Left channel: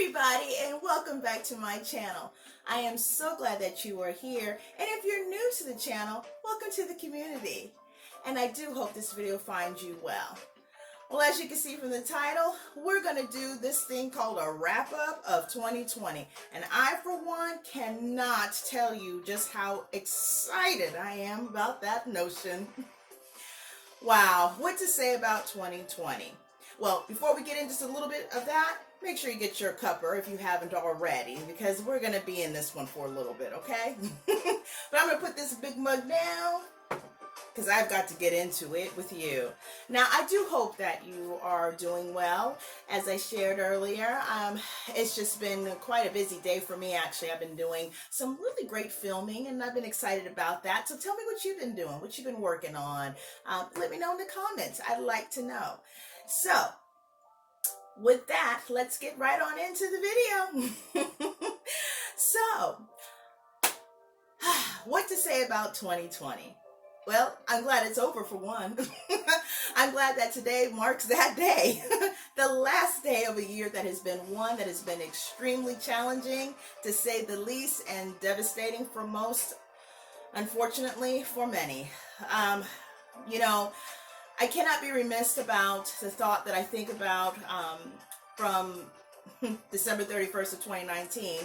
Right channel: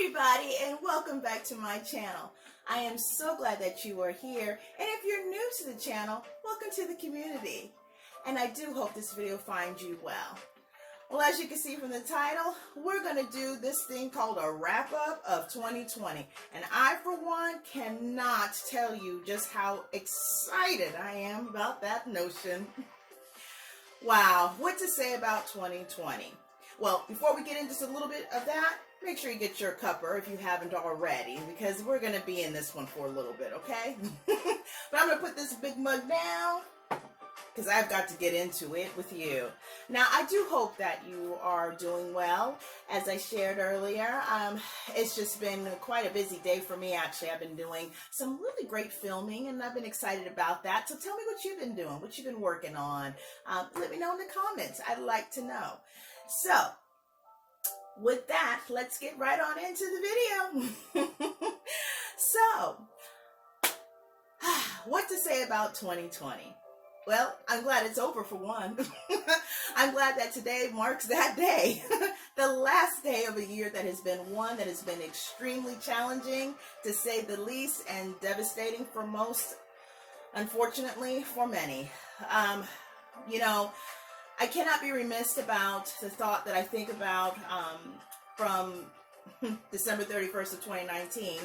everybody, and welcome back to my channel. I am so glad that you are here, and if you're new to the channel, welcome to the community. And I do hope this video finds you well. Well, as you can see from the title, we're going to do this thing called a wrap-up of 2020. And I, for one, cannot tell you just how excited I am about that notion. Wow, what to say about 2020? Well, before we get into just a little bit of that, make sure you get your cuppa if you haven't already, because we're going to be in this one for a little bit, okay? But I'm going to put this big mug down because I've got to get into it with you. Now, I do hope that you are doing well. As I shared earlier, it's just been quite a busy day for me, actually. I've been doing some really great filming, and I've been excited about that. So tell me what you've been doing, what you've been working on. Let me know in the comments. I'd like to know. So, with that, let's get right on into the video. So, what to say about 2020? Well, I'm glad it's over for one. I'm glad that today marks that day. The last day of a year that has been one that has been extremely challenging, to say the least, and devastating for most, unfortunately for many. I cannot be remiss about the thought that I think about from December 31st of 2019.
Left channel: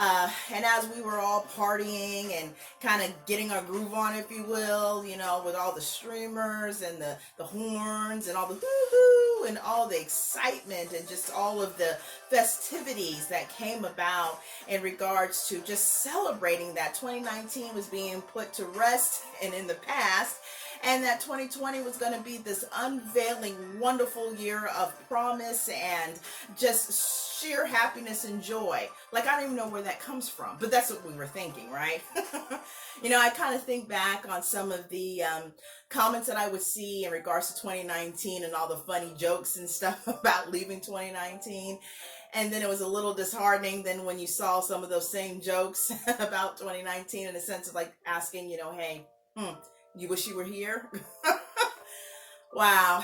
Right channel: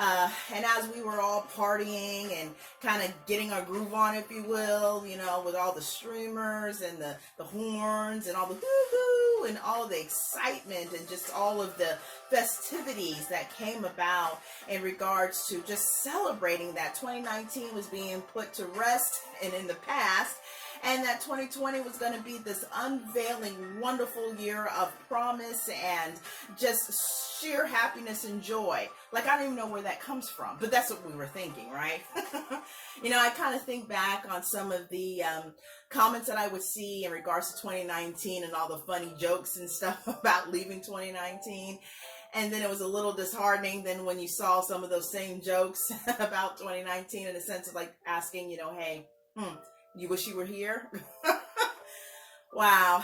And as we were all partying and kind of getting our groove on, if you will, with all the streamers and the horns and all the hoo-hoo and all the excitement and just all of the festivities that came about in regards to just celebrating that 2019 was being put to rest and in the past, and that 2020 was going to be this unveiling, wonderful year of promise and just sheer happiness and joy. Like, I don't even know where that comes from, but that's what we were thinking, right? I kind of think back on some of the comments that I would see in regards to 2019 and all the funny jokes and stuff about leaving 2019. And then it was a little disheartening then when you saw some of those same jokes about 2019, in a sense of like asking, hey, you wish you were here? Wow.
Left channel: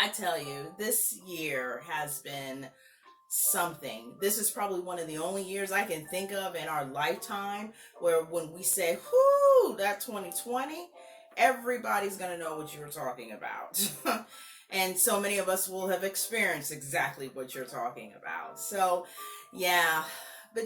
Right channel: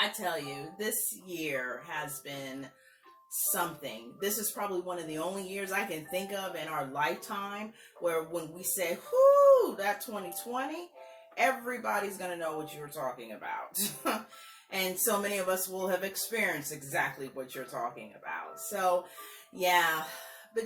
I tell you, this year has been something. This is probably one of the only years I can think of in our lifetime where when we say, whoo, that 2020, everybody's going to know what you were talking about. And so many of us will have experienced exactly what you're talking about. So, yeah. But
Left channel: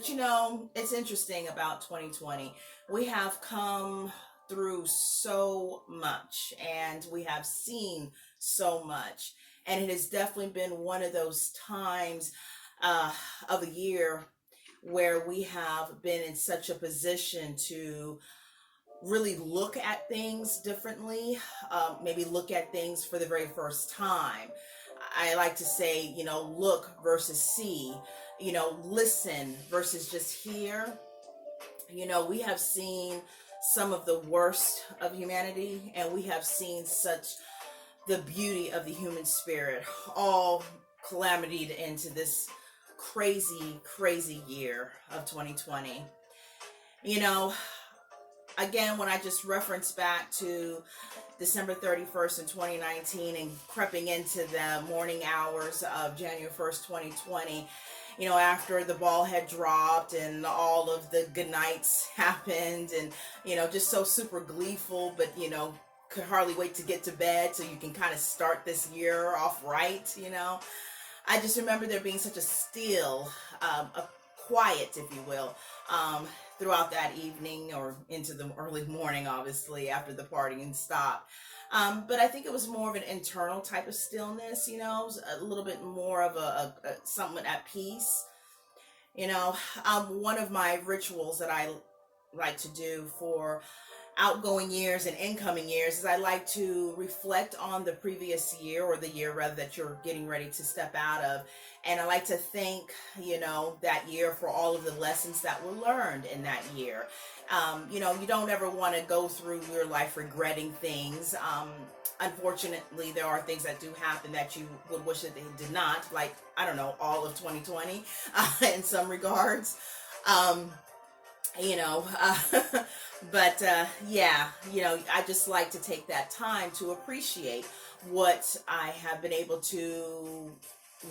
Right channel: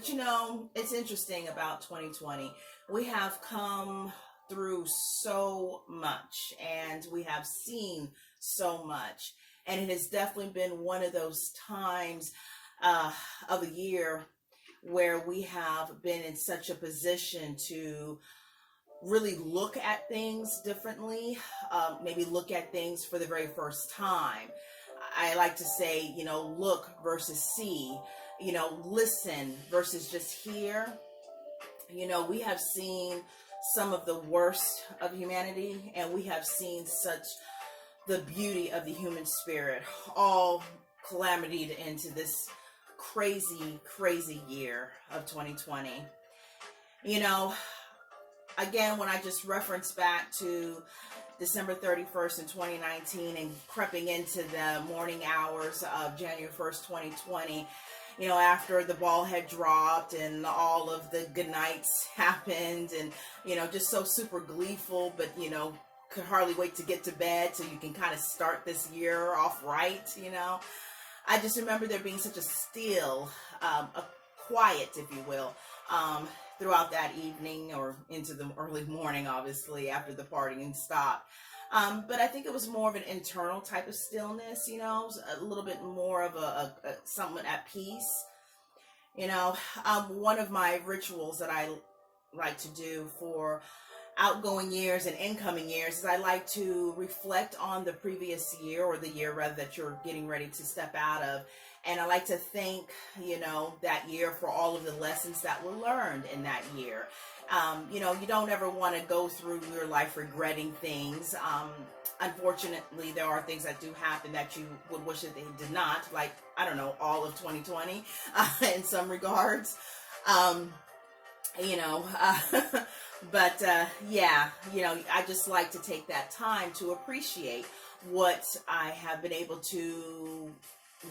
it's interesting about 2020. We have come through so much, and we have seen so much, and it has definitely been one of those times of a year where we have been in such a position to really look at things differently, maybe look at things for the very first time. I like to say, look versus see, listen versus just hear. We have seen some of the worst of humanity, and we have seen such the beauty of the human spirit all calamitied into this crazy, crazy year of 2020. Again, when I just reference back to December 31st in 2019 and creeping into the morning hours of January 1st, 2020, after the ball had dropped and all of the good nights happened, and, just so super gleeful, but, could hardly wait to get to bed so you can kind of start this year off right, I just remember there being such a still, a quiet, if you will, throughout that evening or into the early morning, obviously, after the partying stopped. But I think it was more of an internal type of stillness, a little bit more of a somewhat at peace. One of my rituals that I like to do for outgoing years and incoming years is I like to reflect on the previous year, or the year rather that you're getting ready to step out of. And I like to thank, that year for all of the lessons that were learned in that year. You don't ever want to go through your life regretting things. Unfortunately, there are things that do happen that you would wish that they did not, like, I don't know, all of 2020 in some regards. But I just like to take that time to appreciate what I have been able to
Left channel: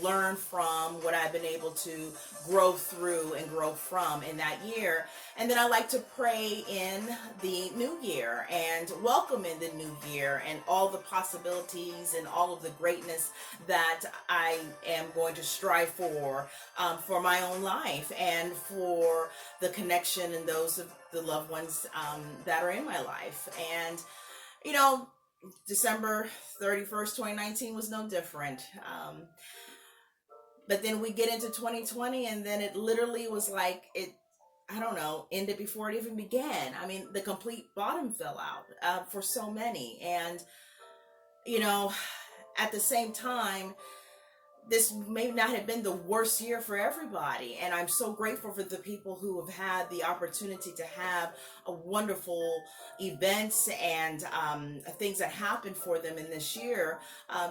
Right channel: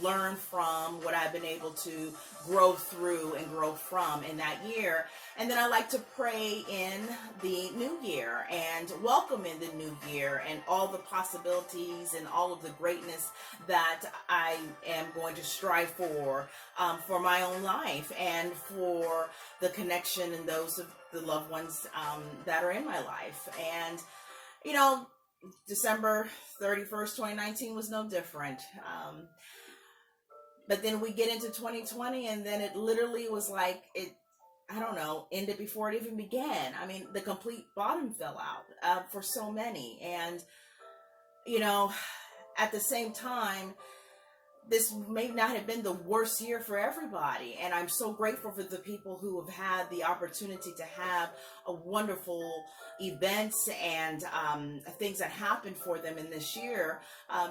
learn from, what I've been able to grow through and grow from in that year. And then I like to pray in the new year and welcome in the new year and all the possibilities and all of the greatness that I am going to strive for my own life and for the connection and those of the loved ones that are in my life. And, you know, December 31st, 2019 was no different. But then we get into 2020 and then it literally was like I don't know, ended before it even began. I mean, the complete bottom fell out for so many. And, you know, at the same time, this may not have been the worst year for everybody. And I'm so grateful for the people who have had the opportunity to have a wonderful events and things that happened for them in this year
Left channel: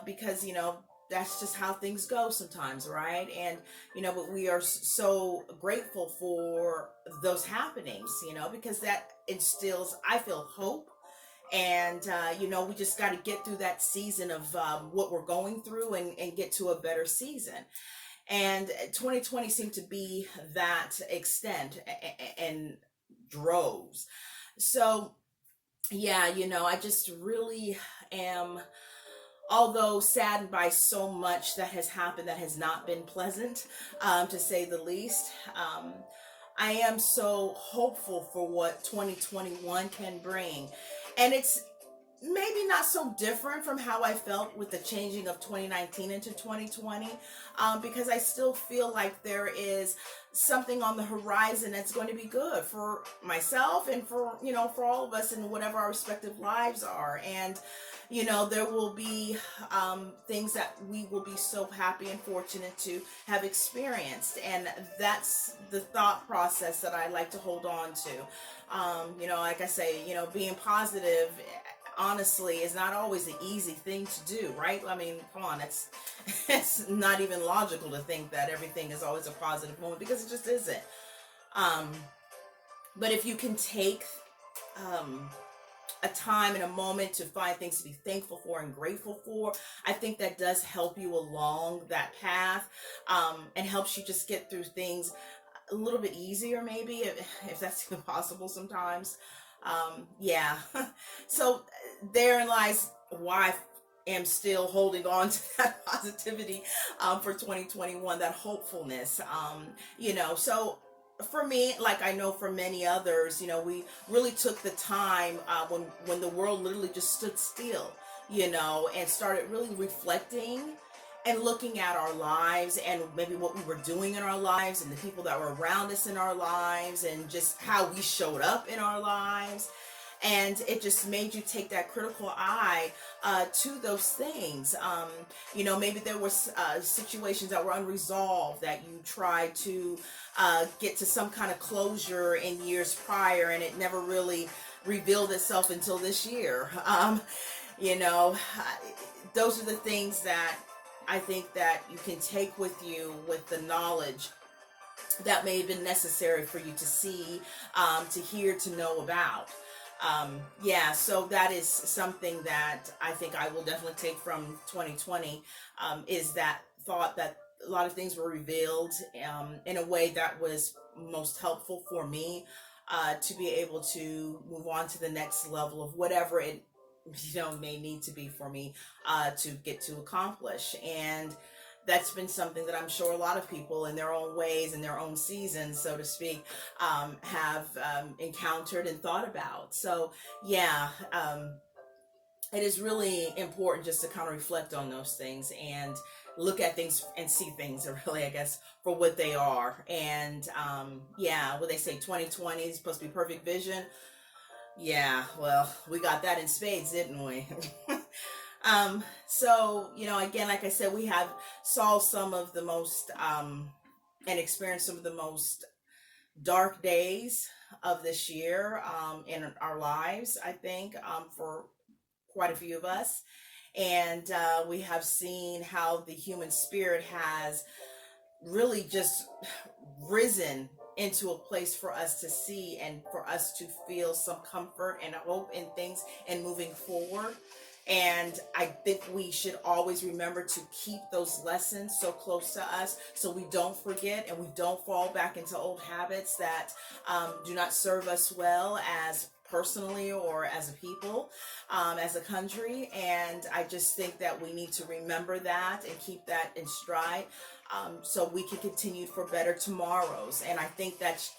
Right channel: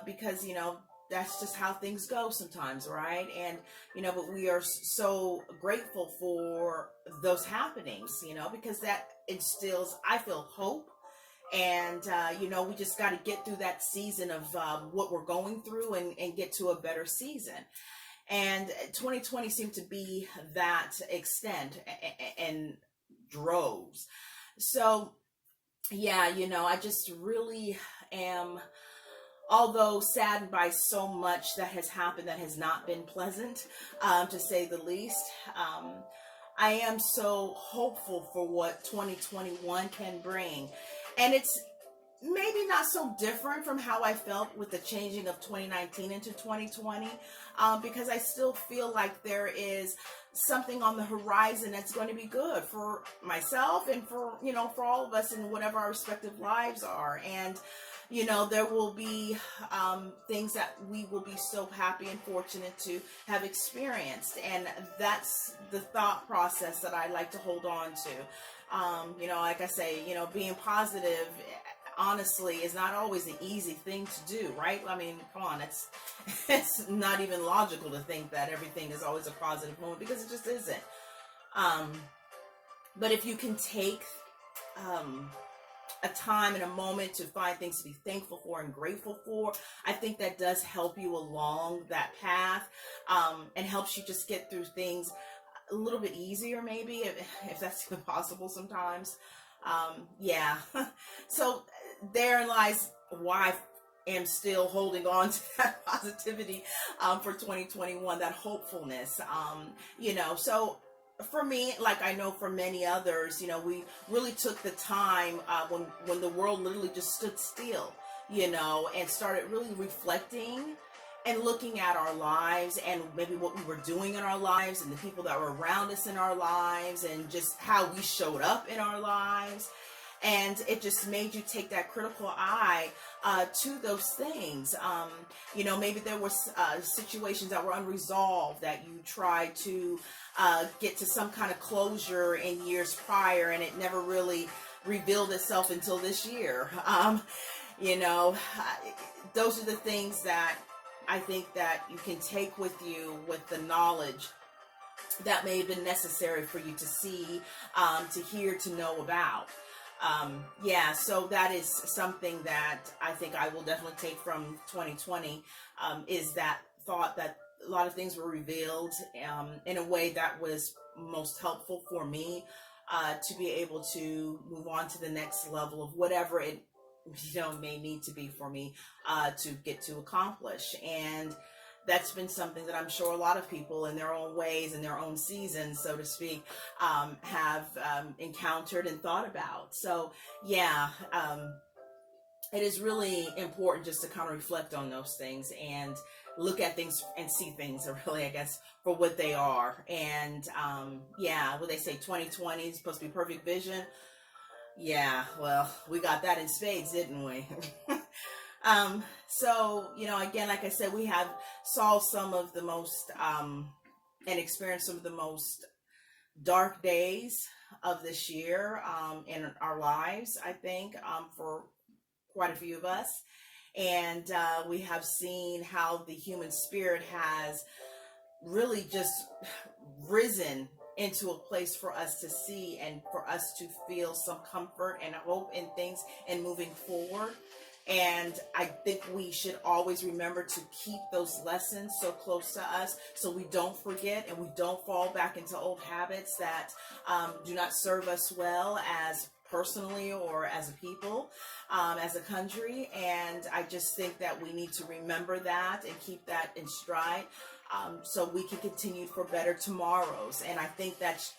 because, you know, that's just how things go sometimes, right? And, you know, but we are so grateful for those happenings, you know, because that instills, I feel, hope. And, you know, we just got to get through that season of what we're going through and get to a better season. And 2020 seemed to be that extent and droves. So, yeah, you know, I just really am, although saddened by so much that has happened that has not been pleasant, to say the least. I am so hopeful for what 2021 can bring. And it's maybe not so different from how I felt with the changing of 2019 into 2020, because I still feel like there is something on the horizon that's going to be good for myself and for, you know, for all of us in whatever our respective lives are. And, you know, there will be things that we will be so happy and fortunate to have experienced. And that's the thought process that I like to hold on to. You know, like I say, you know, being positive, honestly, is not always the easy thing to do, right? I mean, come on, it's not even logical to think that everything is always a positive moment, because it just isn't. But if you can take a time and a moment to find things to be thankful for and grateful for, I think that does help you along that path, and helps you just get through things a little bit easier, maybe, if that's even possible sometimes. Yeah. So therein lies why I am still holding on to that positivity for 2021, that hopefulness. You know, so for me, like I know for many others, you know, we really took the time when the world literally just stood still, you know, and started really reflecting and looking at our lives and maybe what we were doing in our lives and the people that were around us in our lives and just how we showed up in our lives. And it just made you take that critical eye to those things. You know, maybe there were situations that were unresolved that you tried to get to some kind of closure in years prior, and it never really revealed itself until this year. You know, those are the things that I think that you can take with you with the knowledge that may have been necessary for you to see, to hear, to know about. Yeah, so that is something that I think I will definitely take from 2020, is that thought that a lot of things were revealed in a way that was most helpful for me to be able to move on to the next level of whatever it, you know, may need to be for me to get to accomplish. And that's been something that I'm sure a lot of people in their own ways, in their own seasons, so to speak, have encountered and thought about. So yeah, it is really important just to kind of reflect on those things and look at things and see things really, I guess, for what they are. And yeah, what they say, 2020 is supposed to be perfect vision. Yeah, well, we got that in spades, didn't we? So, you know, again, like I said, we have saw some of the most, and experienced some of the most dark days of this year, in our lives, I think, for quite a few of us. And, we have seen how the human spirit has really just risen into a place for us to see and for us to feel some comfort and hope in things and moving forward. And I think we should always remember to keep those lessons so close to us so we don't forget and we don't fall back into old habits that do not serve us well as personally or as a people, as a country. And I just think that we need to remember that and keep that in stride, so we can continue for better tomorrows. And I think that's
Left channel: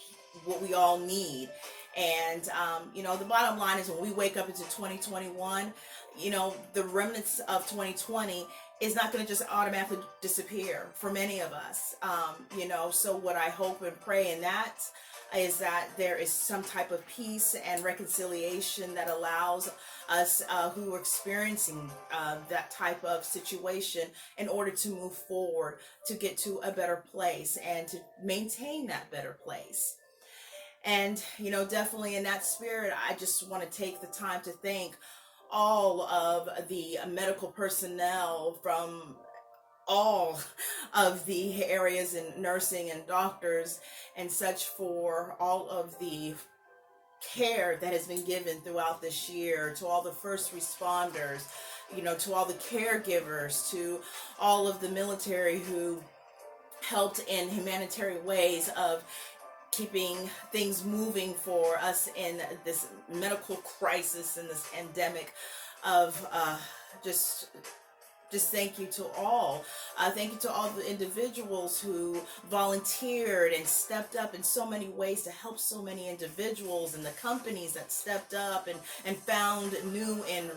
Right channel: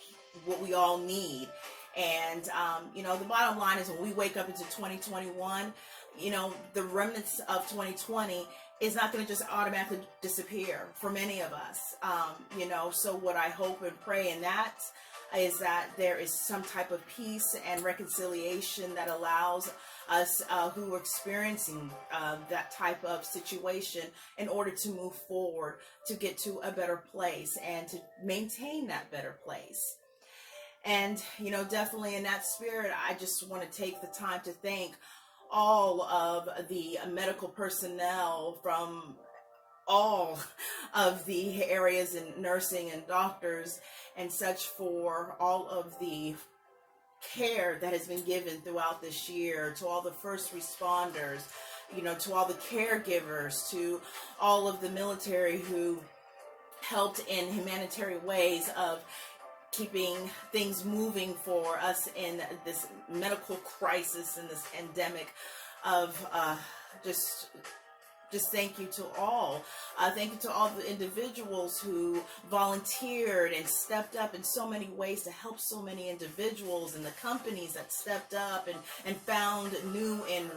what we all need. And, the bottom line is when we wake up into 2021, the remnants of 2020 is not going to just automatically disappear for many of us. So what I hope and pray in that is that there is some type of peace and reconciliation that allows us who are experiencing that type of situation in order to move forward, to get to a better place and to maintain that better place. And, definitely in that spirit, I just want to take the time to thank all of the medical personnel from all of the areas in nursing and doctors and such for all of the care that has been given throughout this year, to all the first responders, to all the caregivers, to all of the military who helped in humanitarian ways of keeping things moving for us in this medical crisis and this pandemic of just thank you to all. Thank you to all the individuals who volunteered and stepped up in so many ways to help so many individuals, and the companies that stepped up and found new and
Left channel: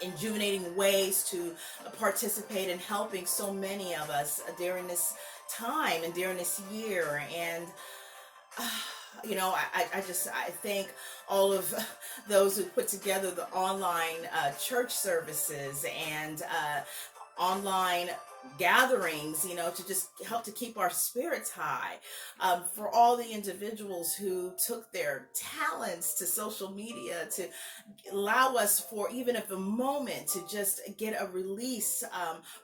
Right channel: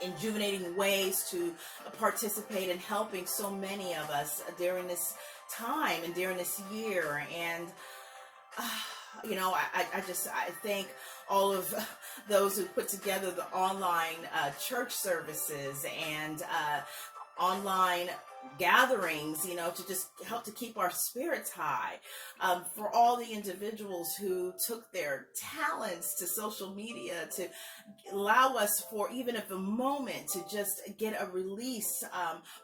rejuvenating ways to participate in helping so many of us during this time and during this year. And I thank all of those who put together the online church services and online gatherings, to just help to keep our spirits high. For all the individuals who took their talents to social media to allow us for even if a moment to just get a release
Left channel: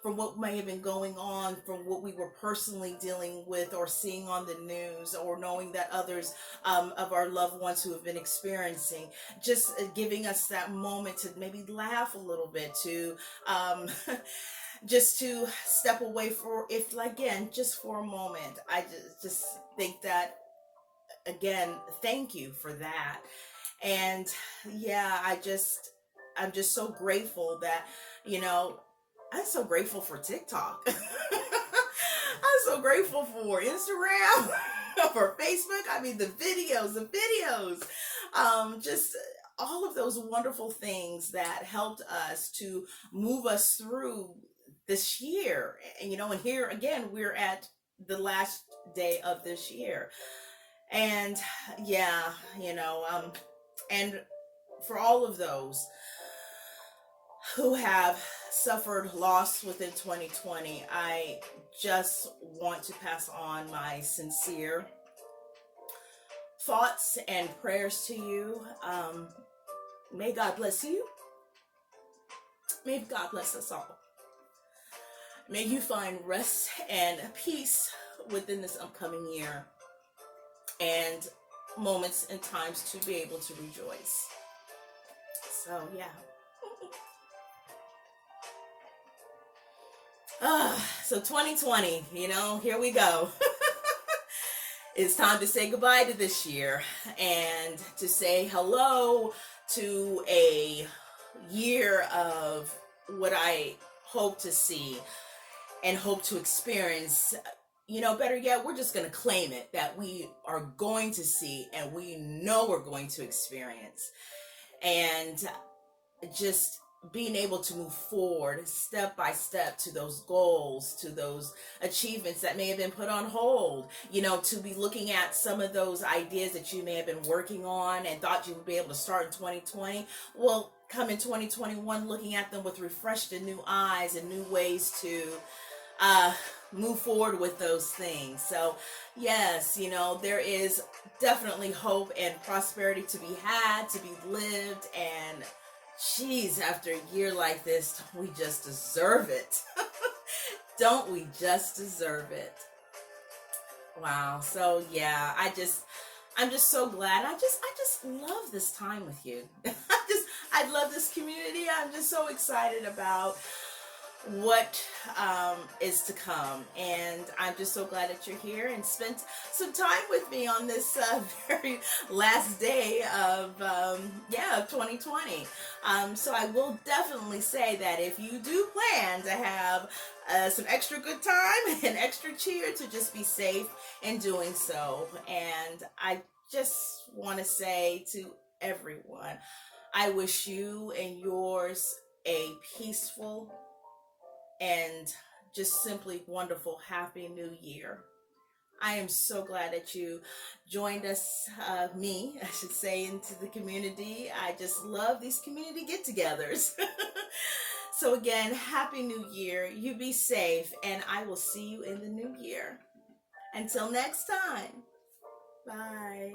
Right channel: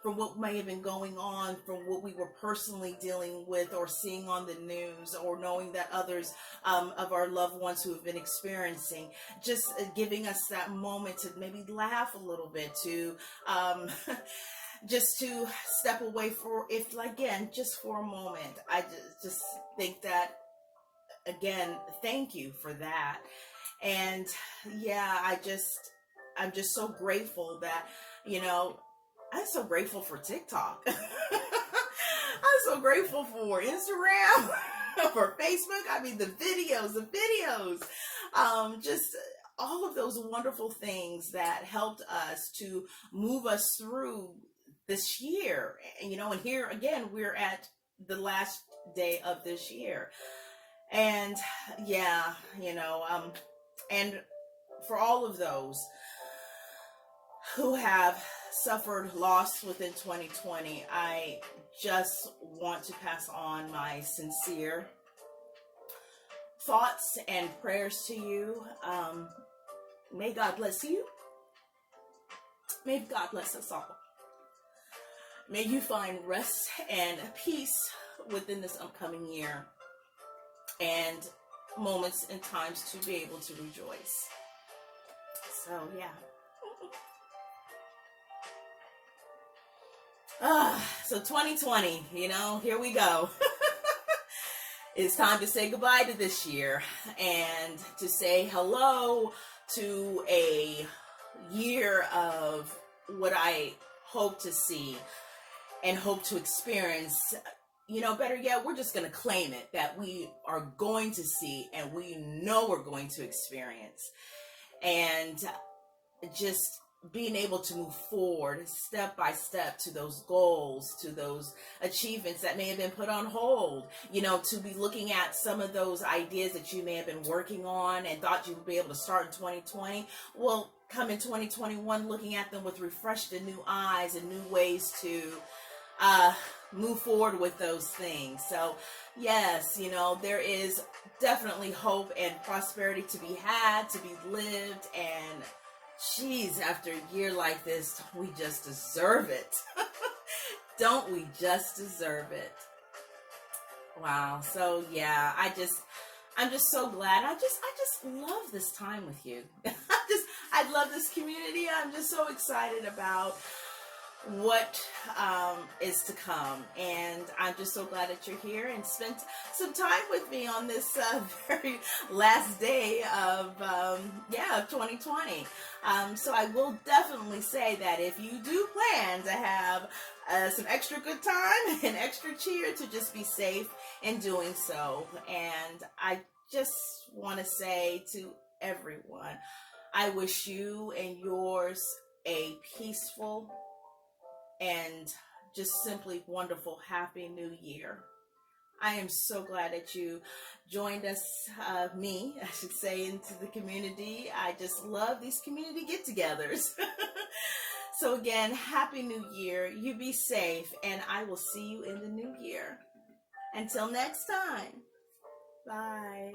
from what may have been going on, from what we were personally dealing with or seeing on the news, or knowing that others of our loved ones who have been experiencing, just giving us that moment to maybe laugh a little bit, to just to step away just for a moment. I just think that, again, thank you for that. And yeah, I'm just so grateful that, I'm so grateful for TikTok. I'm so grateful for Instagram, for Facebook. I mean, the videos, just all of those wonderful things that helped us to move us through this year. And, and here again, we're at the last day of this year. And yeah, and for all of those who have suffered loss within 2020, I just want to pass on my sincere thoughts and prayers to you. May God bless you. May God bless us all. May you find rest and peace within this upcoming year, and moments and times to be able to rejoice. So yeah. So 2020, here we go. It's time to say goodbye to this year and to say hello to a year of what I hope to see and hope to experience. Better yet, we're just going to claim it, that we are going to see and we know we're going to experience. And just being able to move forward step by step to those goals, to those achievements that may have been put on hold, to be looking at some of those ideas that you may have been working on and thought you would be able to start in 2020. Well, come in 2021, looking at them with refreshed and new eyes and new ways to move forward with those things. So yes, there is definitely hope and prosperity to be had, to be lived. And geez, after a year like this, we just deserve it. Don't we just deserve it? Wow. So yeah, I'm just so glad. I just love this time with you. I love this community. I'm just so excited about what is to come, and I'm just so glad that you're here and spent some time with me on this very last day of 2020. So I will definitely say that if you do plan to have some extra good time and extra cheer, to just be safe in doing so. And I just want to say to everyone, I wish you and yours a peaceful and just simply wonderful happy new year. I am so glad that you joined us, me I should say, into the community. I just love these community get-togethers. So again, happy new year. You be safe, and I will see you in the new year. Until next time, bye.